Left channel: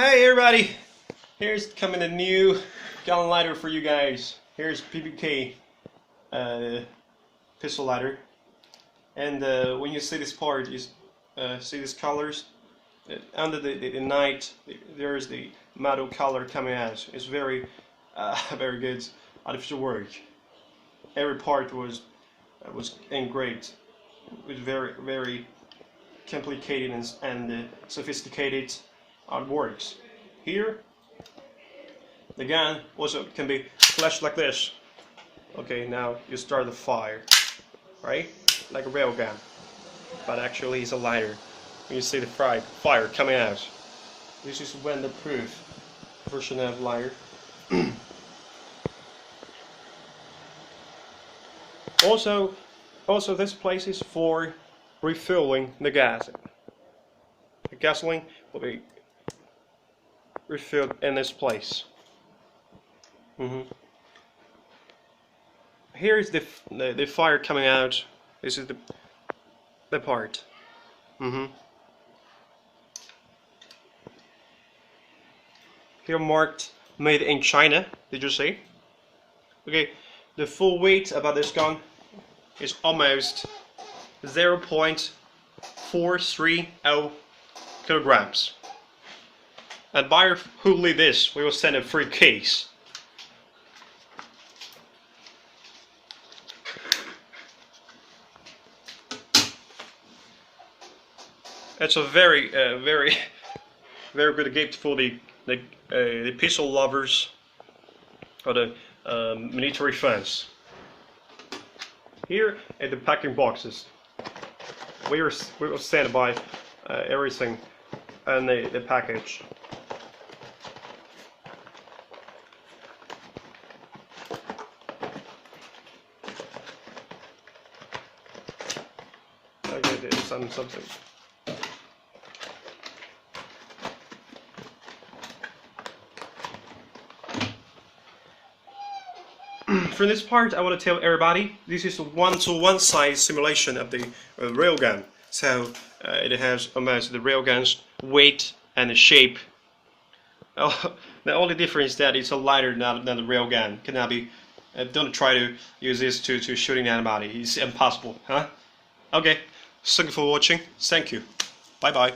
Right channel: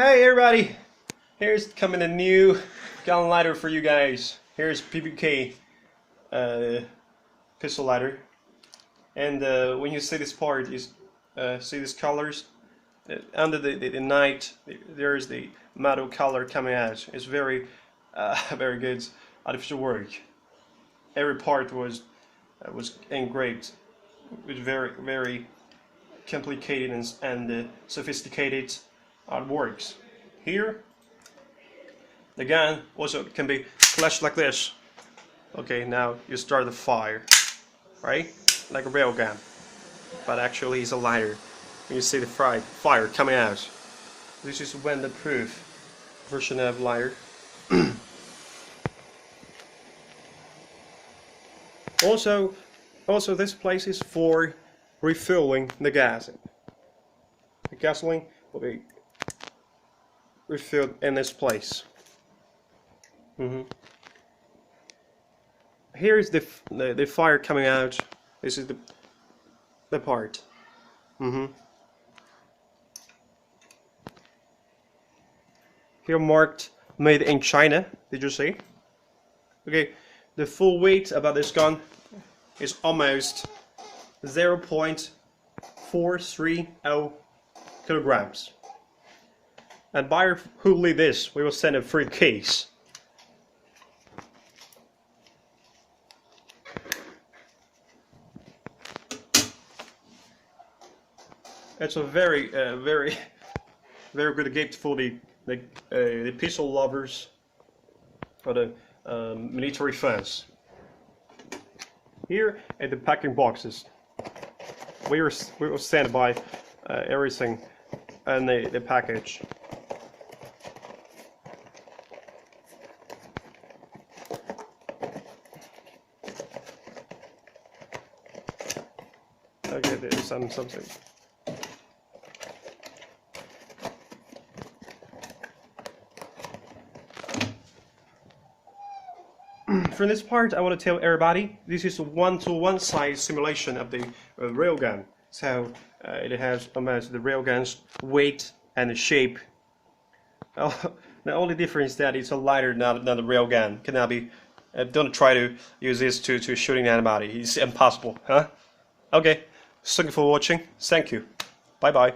Hey everybody, here's coming a new gun lighter for you guys. Here's PPP pistol lighter, and when you see this part, see these colors under the night. There's the metal color coming out. It's very very good artificial work. Every part was engraved with very complicated and sophisticated artworks. Here, the gun also can be flashed like this. Okay, now you start the fire, right? Like a real gun, but actually it's a lighter. You see the fire coming out. This is when the proof version of lighter. Also, this place is for refueling the gas. The gasoline will be refilled in this place. Here is the fire coming out. This is the part. Here marked made in China. Did you see? Okay, the full weight about this gun is almost 0.430 kilograms. And buyer who leave this, we will send a free case. It's a very good gift for the pistol lovers or the military fans. Here at the packing boxes, we will stand by everything and the package. Okay, there's something. For this part, I want to tell everybody this is a one-to-one size simulation of the railgun. So it has almost the railgun's weight and the shape. The only difference is that it's a lighter than the railgun. Cannot be. Don't try to use this to shooting anybody. It's impossible, huh? Okay. Thank you for watching. Thank you. Bye bye.